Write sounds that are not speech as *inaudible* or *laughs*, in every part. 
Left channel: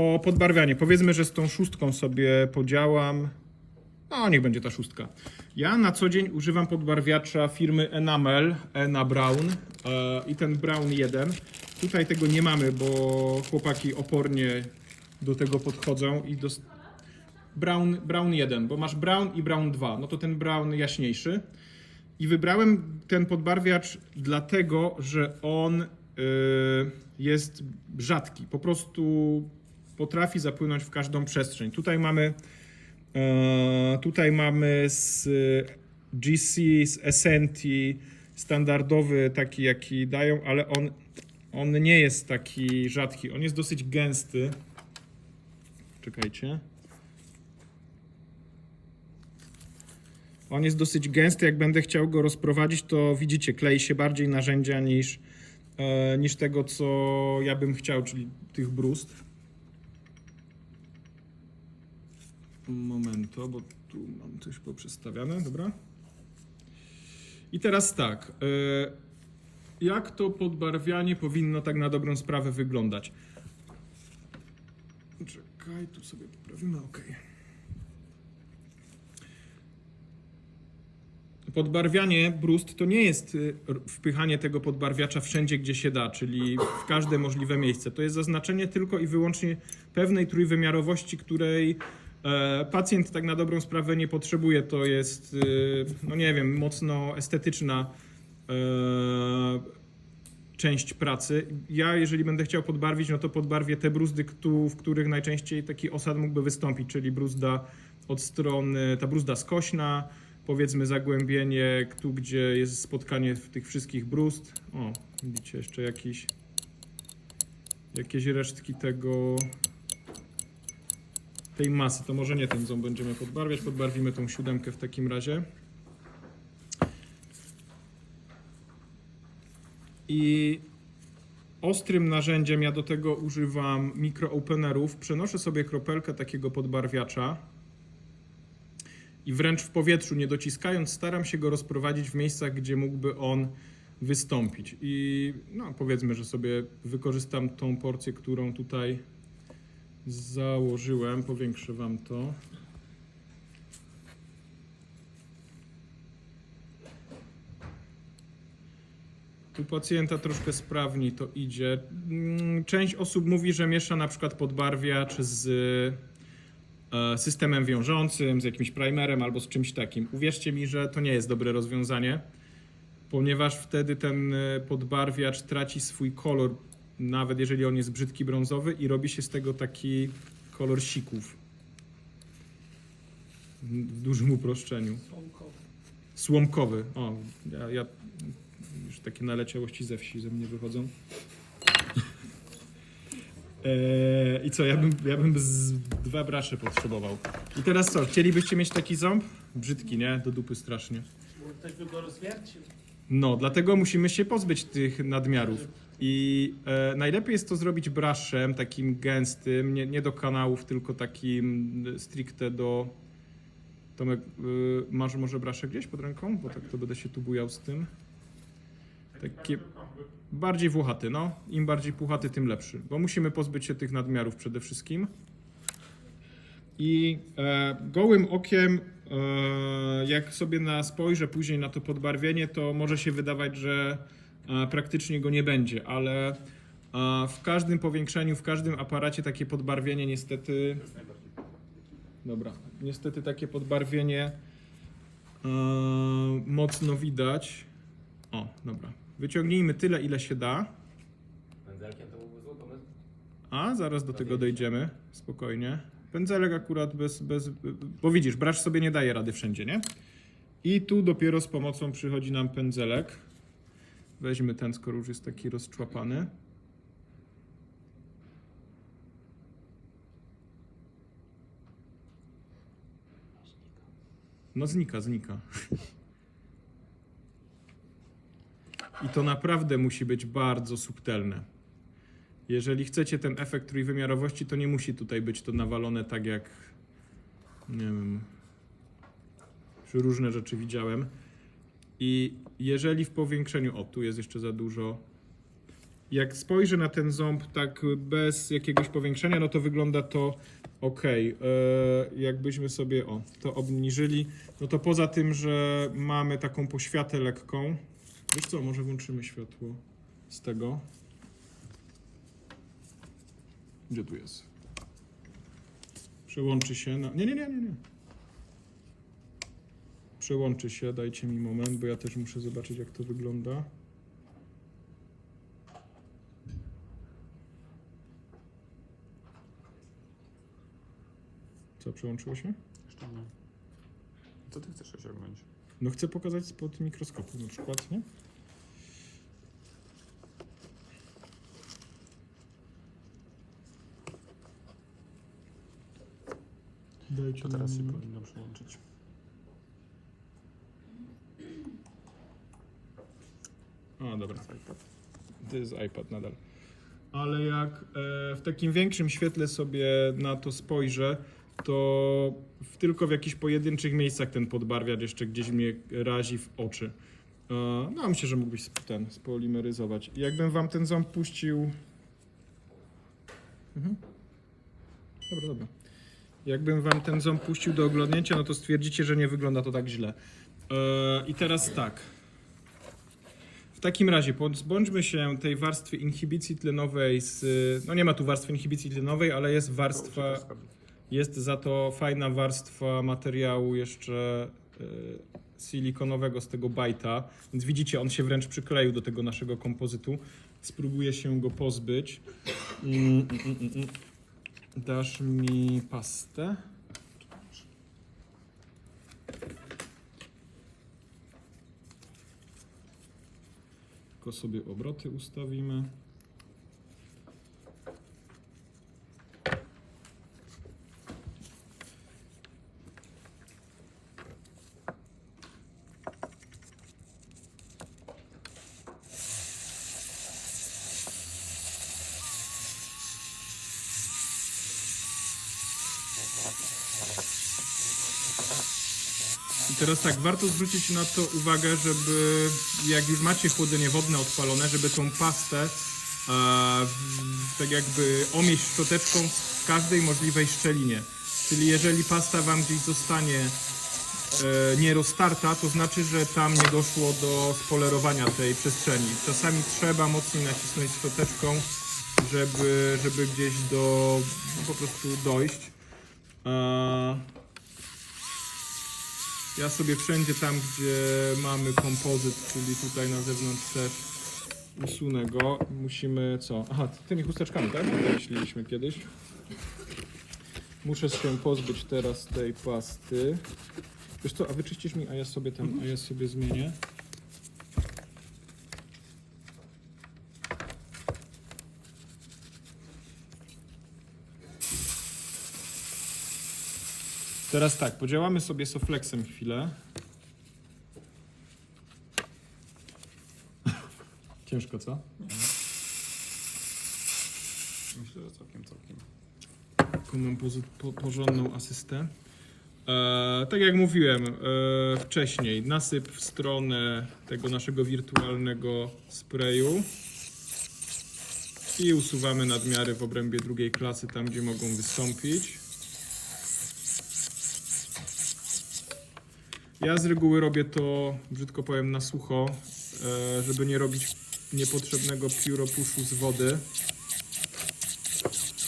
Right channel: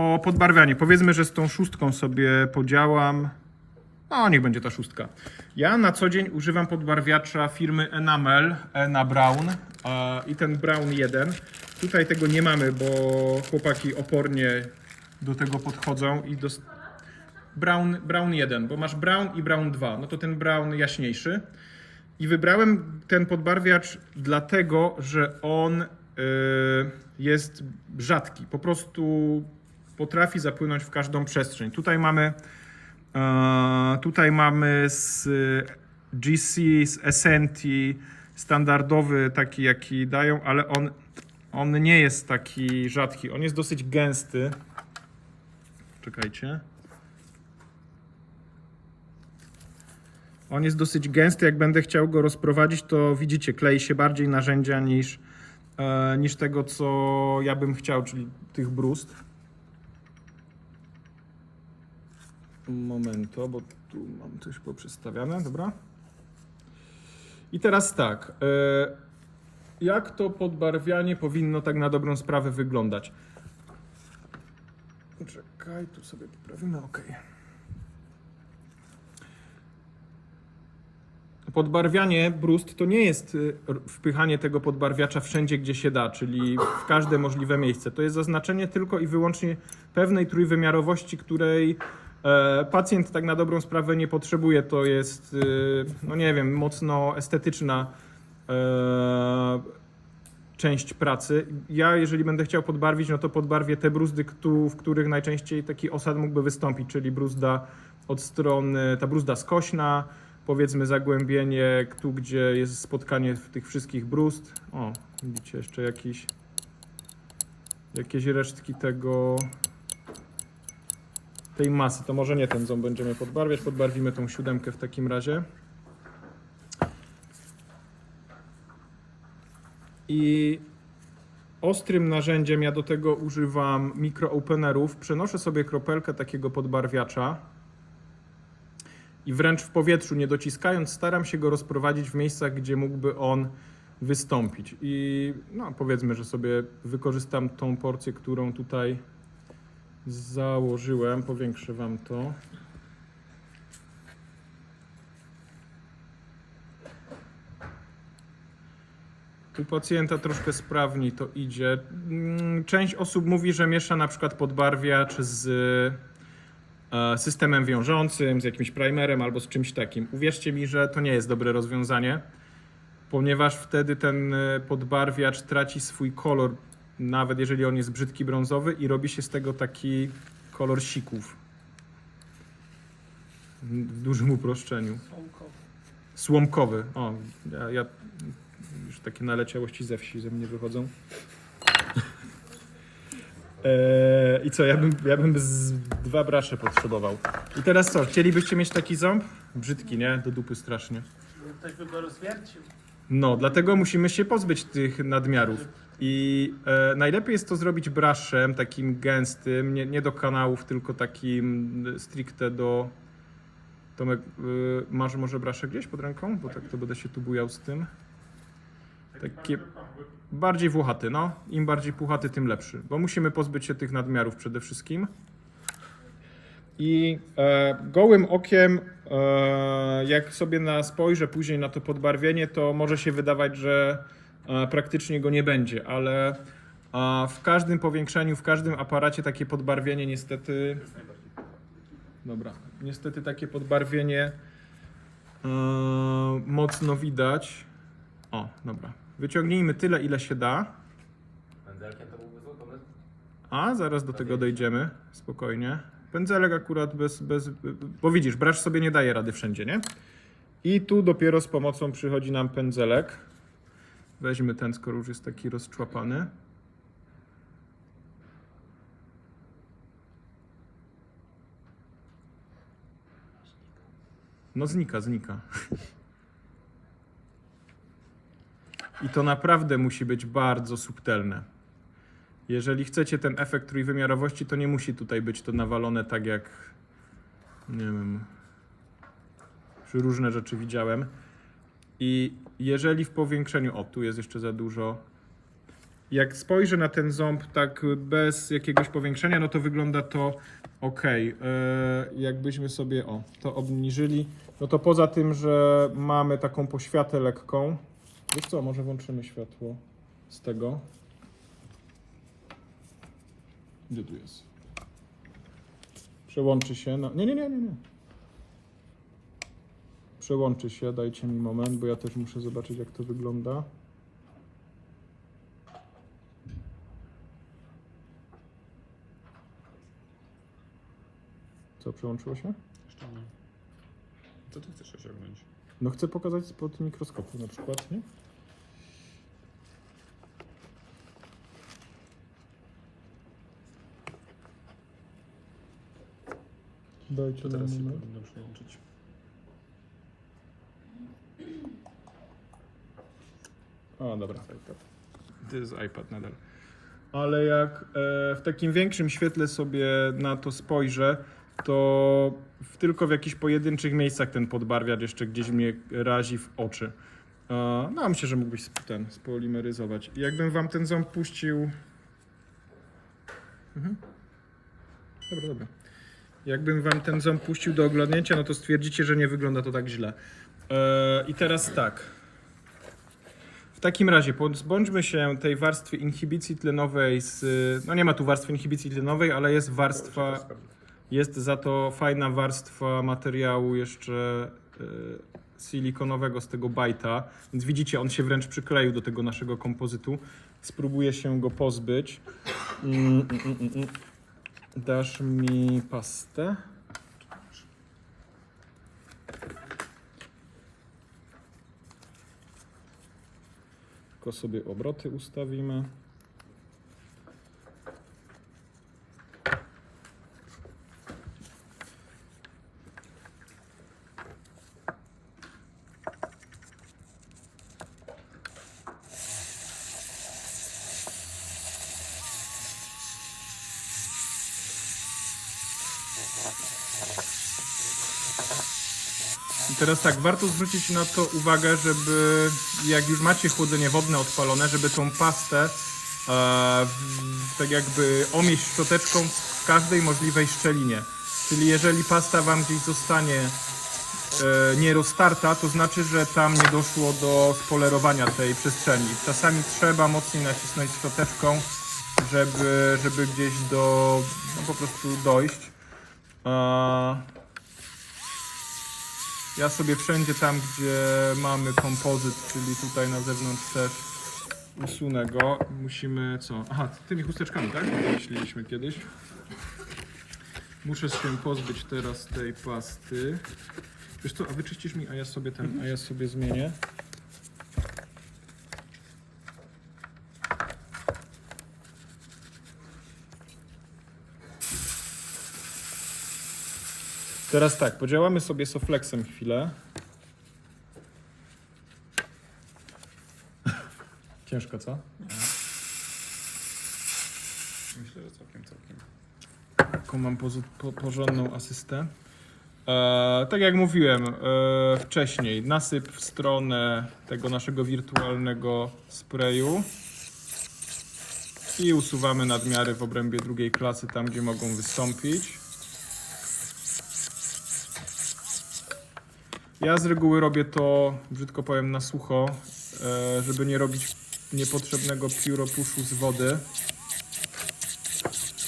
O podbarwianie. Powiedzmy, że z tą szóstką sobie podziałam. No, niech będzie ta szóstka. Ja na co dzień używam podbarwiacza firmy Enamel, Ena Brown e, i ten Brown 1. Tutaj tego nie mamy, bo chłopaki opornie do tego podchodzą i dos... Brown, Brown 1, bo masz Brown i Brown 2. No to ten Brown jaśniejszy. I wybrałem ten podbarwiacz dlatego, że on y, jest rzadki. Po prostu potrafi zapłynąć w każdą przestrzeń. Tutaj mamy, e, tutaj mamy z GC, z SNT, standardowy taki jaki dają, ale on, on nie jest taki rzadki. On jest dosyć gęsty. Czekajcie. On jest dosyć gęsty. Jak będę chciał go rozprowadzić, to widzicie, klei się bardziej narzędzia niż, e, niż tego, co ja bym chciał, czyli tych brust. Momento, bo tu mam coś poprzestawiane, dobra. I teraz tak. E, jak to podbarwianie powinno tak na dobrą sprawę wyglądać? Czekaj, tu sobie poprawimy, ok. Podbarwianie brust to nie jest y, wpychanie tego podbarwiacza wszędzie, gdzie się da, czyli w każde możliwe miejsce. To jest zaznaczenie tylko i wyłącznie pewnej trójwymiarowości, której pacjent tak na dobrą sprawę nie potrzebuje. To jest, y, no nie wiem, mocno estetyczna e, część pracy. Ja, jeżeli będę chciał podbarwić, no to podbarwię te bruzdy, w których najczęściej taki osad mógłby wystąpić, czyli bruzda od strony, ta bruzda skośna, powiedzmy zagłębienie, tu gdzie jest spotkanie tych wszystkich bruzd. O, widzicie jeszcze jakieś, jakieś resztki tego, tej masy. To może nie ten ząb będziemy podbarwiać, podbarwimy tą siódemkę w takim razie. I ostrym narzędziem ja do tego używam mikroopenerów. Przenoszę sobie kropelkę takiego podbarwiacza i wręcz w powietrzu, nie dociskając, staram się go rozprowadzić w miejscach, gdzie mógłby on wystąpić. I no, powiedzmy, że sobie wykorzystam tą porcję, którą tutaj założyłem. Powiększę Wam to. Tu pacjenta troszkę sprawniej to idzie. Mm, Część osób mówi, że miesza na przykład podbarwiacz z e, systemem wiążącym, z jakimś primerem albo z czymś takim. Uwierzcie mi, że to nie jest dobre rozwiązanie, ponieważ wtedy ten e, podbarwiacz traci swój kolor, nawet jeżeli on jest brzydki brązowy i robi się z tego taki kolor sików. W dużym uproszczeniu. Słomkowy. O, ja, ja już takie naleciałości ze wsi ze mnie wychodzą. Eee, *laughs* I co, ja bym, ja bym z dwa brasze potrzebował. I teraz co, chcielibyście mieć taki ząb? Brzydki, nie? Do dupy strasznie. Ktoś by go rozwiercił. No, dlatego musimy się pozbyć tych nadmiarów. I e, najlepiej jest to zrobić braszem, takim gęstym, nie, nie do kanałów, tylko takim stricte do... Tomek, y, masz może braszę gdzieś pod ręką? Bo tak to będę się tu bujał z tym. Takie bardziej włochaty, no. Im bardziej puchaty, tym lepszy. Bo musimy pozbyć się tych nadmiarów przede wszystkim. I e, gołym okiem, e, jak sobie na spojrzę później na to podbarwienie, to może się wydawać, że praktycznie go nie będzie, ale w każdym powiększeniu, w każdym aparacie takie podbarwienie niestety. Dobra, niestety takie podbarwienie e, mocno widać. O, dobra. Wyciągnijmy tyle, ile się da. A, zaraz do tego dojdziemy. Spokojnie. Pędzelek akurat bez, bez. Bo widzisz, bracz sobie nie daje rady wszędzie, nie? I tu dopiero z pomocą przychodzi nam pędzelek. Weźmy ten, skoro już jest taki rozczłapany. No znika, znika. I to naprawdę musi być bardzo subtelne. Jeżeli chcecie ten efekt trójwymiarowości, to nie musi tutaj być to nawalone tak jak nie wiem. Już różne rzeczy widziałem. I jeżeli w powiększeniu, o tu jest jeszcze za dużo, Jak spojrzę na ten ząb tak bez jakiegoś powiększenia, no to wygląda to ok. Jakbyśmy sobie o, to obniżyli, no to poza tym, że mamy taką poświatę lekką, wiesz co, może włączymy światło z tego. Gdzie tu jest? Przełączy się na... Nie, nie, nie, nie, nie. Przełączy się, dajcie mi moment, bo ja też muszę zobaczyć jak to wygląda. Co, przełączyło się? Jeszcze nie. Co ty chcesz osiągnąć? No chcę pokazać spod mikroskopu na przykład, nie? Dajcie To teraz się moment. powinno przyłączyć. A, dobra. iPad. To jest iPad nadal. Ale jak e, w takim większym świetle sobie na to spojrzę, to w, tylko w jakichś pojedynczych miejscach ten podbarwiacz jeszcze gdzieś mnie razi w oczy. E, no, myślę, że mógłbyś sp- ten spolimeryzować. Jakbym wam ten ząb puścił. Mhm. Dobra, dobra. Jakbym wam ten ząb puścił do oglądnięcia, no to stwierdzicie, że nie wygląda to tak źle. E, I teraz tak. W takim razie pozbądźmy się tej warstwy inhibicji tlenowej z... No nie ma tu warstwy inhibicji tlenowej, ale jest warstwa... Jest za to fajna warstwa materiału jeszcze y, silikonowego z tego bajta. Więc widzicie, on się wręcz przykleił do tego naszego kompozytu. Spróbuję się go pozbyć. Mm, mm, mm. Dasz mi pastę? Tylko sobie obroty ustawimy. I teraz tak, warto zwrócić na to uwagę, żeby jak już macie chłodzenie wodne odpalone, żeby tą pastę e, tak jakby omieść szczoteczką w każdej możliwej szczelinie. Czyli jeżeli pasta Wam gdzieś zostanie e, to znaczy, że tam nie doszło do spolerowania tej przestrzeni. Czasami trzeba mocniej nacisnąć szczoteczką, żeby, żeby gdzieś do no, po prostu dojść. E, ja sobie wszędzie tam, gdzie mamy kompozyt, czyli tutaj na zewnątrz też usunę go. Musimy co? Aha, tymi chusteczkami, tak? Myśleliśmy kiedyś. Muszę się pozbyć teraz tej pasty. Wiesz co, a wyczyścisz mi, a ja sobie ten, a ja sobie zmienię. Teraz tak, podziałamy sobie soflexem chwilę. Ciężko, co? Myślę, że całkiem, całkiem. Taką mam po, porządną asystę. E, tak jak mówiłem e, wcześniej, nasyp w stronę tego naszego wirtualnego sprayu i usuwamy nadmiary w obrębie drugiej klasy, tam gdzie mogą wystąpić. Ja z reguły robię to, brzydko powiem, na sucho, e, żeby nie robić niepotrzebnego pióropuszu z wody.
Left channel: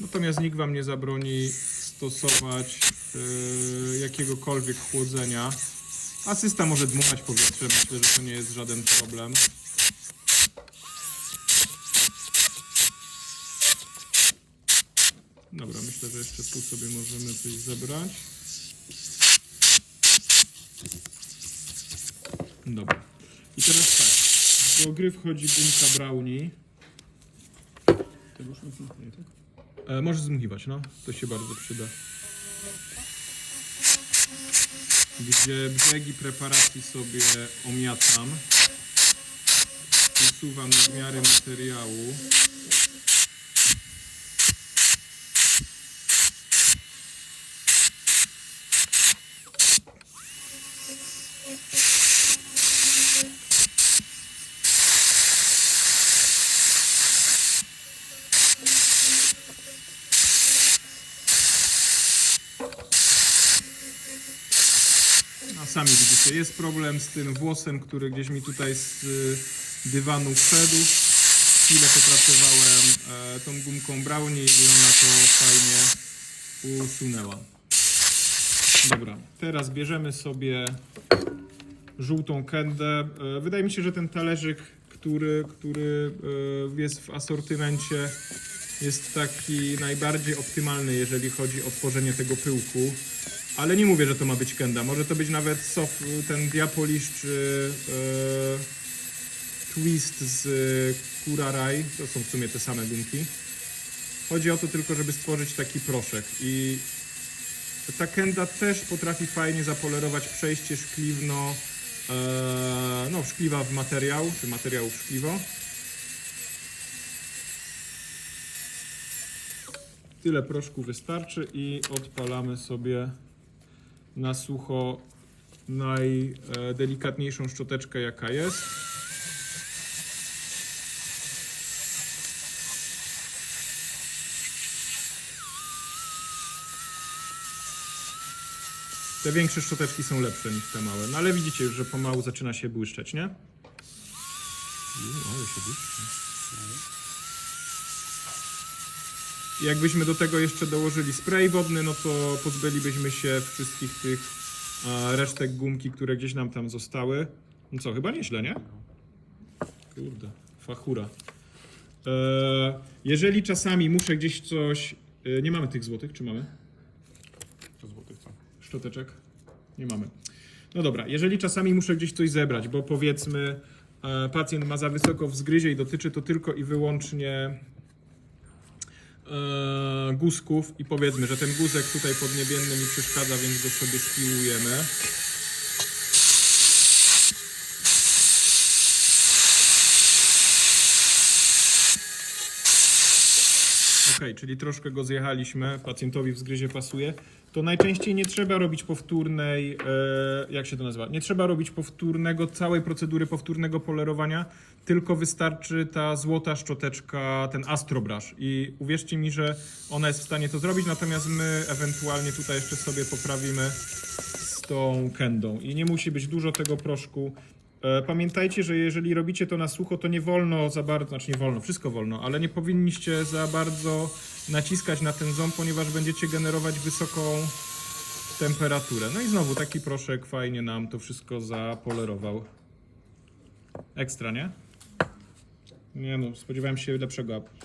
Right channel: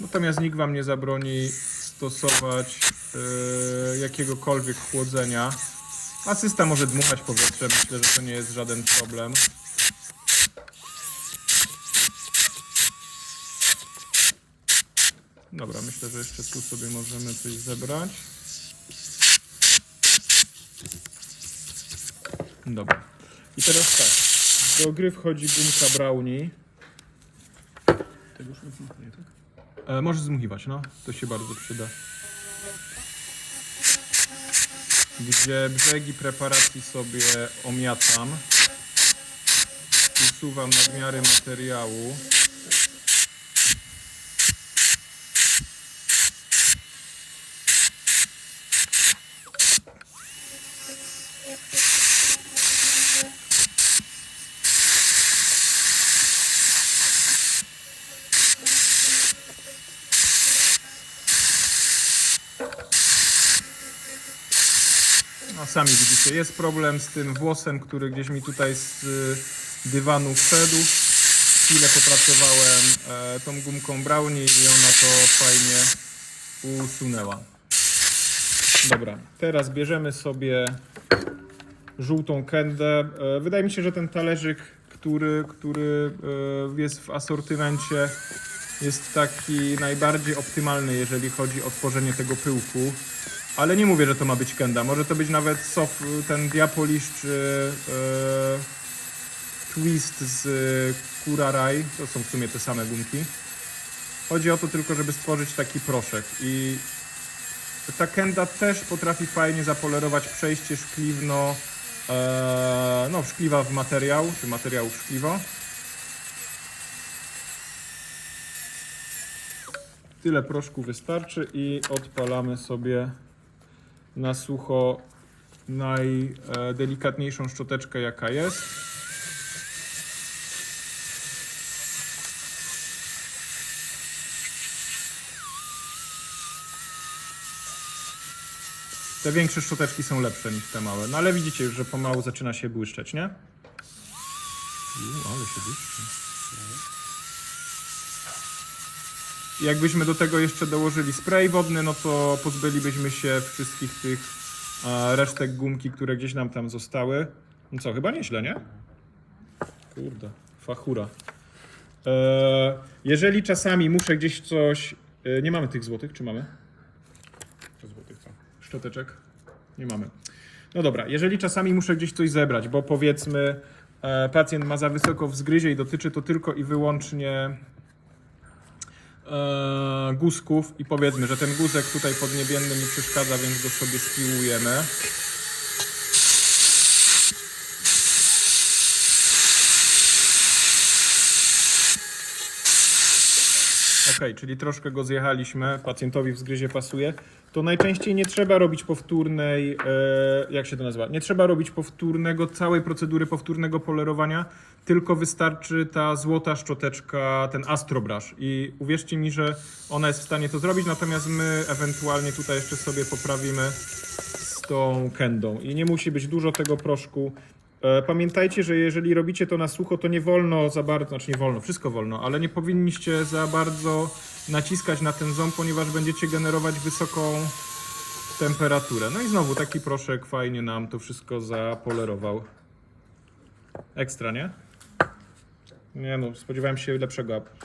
Natomiast nikt Wam nie zabroni stosować e, jakiegokolwiek chłodzenia. Asysta może dmuchać powietrze, myślę, że to nie jest żaden problem. Dobra, myślę, że jeszcze tu sobie możemy coś zebrać. Dobra. I teraz tak. Do gry wchodzi gumka brownie. Tego już nie tak? E, możesz zmuchiwać, no. To się bardzo przyda. Gdzie brzegi preparacji sobie omiatam. Usuwam nadmiary materiału. Sami widzicie, jest problem z tym włosem, który gdzieś mi tutaj z y, dywanu wszedł. Chwilę popracowałem e, tą gumką brownie i ona to fajnie usunęła. Dobra, teraz bierzemy sobie żółtą kendę. E, Wydaje mi się, że ten talerzyk, który, który e, jest w asortymencie, jest taki najbardziej optymalny, jeżeli chodzi o tworzenie tego pyłku. Ale nie mówię, że to ma być kenda. Może to być nawet soft, ten diapolish czy e, twist z e, Kurarai. To są w sumie te same gumki. Chodzi o to tylko, żeby stworzyć taki proszek. I ta kenda też potrafi fajnie zapolerować przejście szkliwno, e, no szkliwa w materiał, czy materiału w szkliwo. Tyle proszku wystarczy i odpalamy sobie na sucho najdelikatniejszą szczoteczkę jaka jest. Te większe szczoteczki są lepsze niż te małe, no ale widzicie już, że pomału zaczyna się błyszczeć, nie? Ju, ale się błyszczy. Jakbyśmy do tego jeszcze dołożyli spray wodny, no to pozbylibyśmy się wszystkich tych e, resztek gumki, które gdzieś nam tam zostały. No co, chyba nieźle, nie? Kurde, fachura. E, jeżeli czasami muszę gdzieś coś... E, nie mamy tych złotych, czy mamy? Złotych co? Szczoteczek? Nie mamy. No dobra, jeżeli czasami muszę gdzieś coś zebrać, bo powiedzmy e, pacjent ma za wysoko w zgryzie i dotyczy to tylko i wyłącznie e, guzków i powiedzmy, że ten guzek tutaj podniebienny mi przeszkadza, więc go sobie spiłujemy. Ok, czyli troszkę go zjechaliśmy, pacjentowi w zgryzie pasuje. To najczęściej nie trzeba robić powtórnej, e, jak się to nazywa? Nie trzeba robić powtórnego, całej procedury powtórnego polerowania, tylko wystarczy ta złota szczoteczka, ten astrobrush. I uwierzcie mi, że ona jest w stanie to zrobić, natomiast my ewentualnie tutaj jeszcze sobie poprawimy z tą kendą. I nie musi być dużo tego proszku. E, Pamiętajcie, że jeżeli robicie to na sucho, to nie wolno za bardzo, znaczy nie wolno, wszystko wolno, ale nie powinniście za bardzo naciskać na ten ząb, ponieważ będziecie generować wysoką temperaturę. No i znowu taki proszek fajnie nam to wszystko zapolerował. Ekstra, nie? Nie no, spodziewałem się lepszego.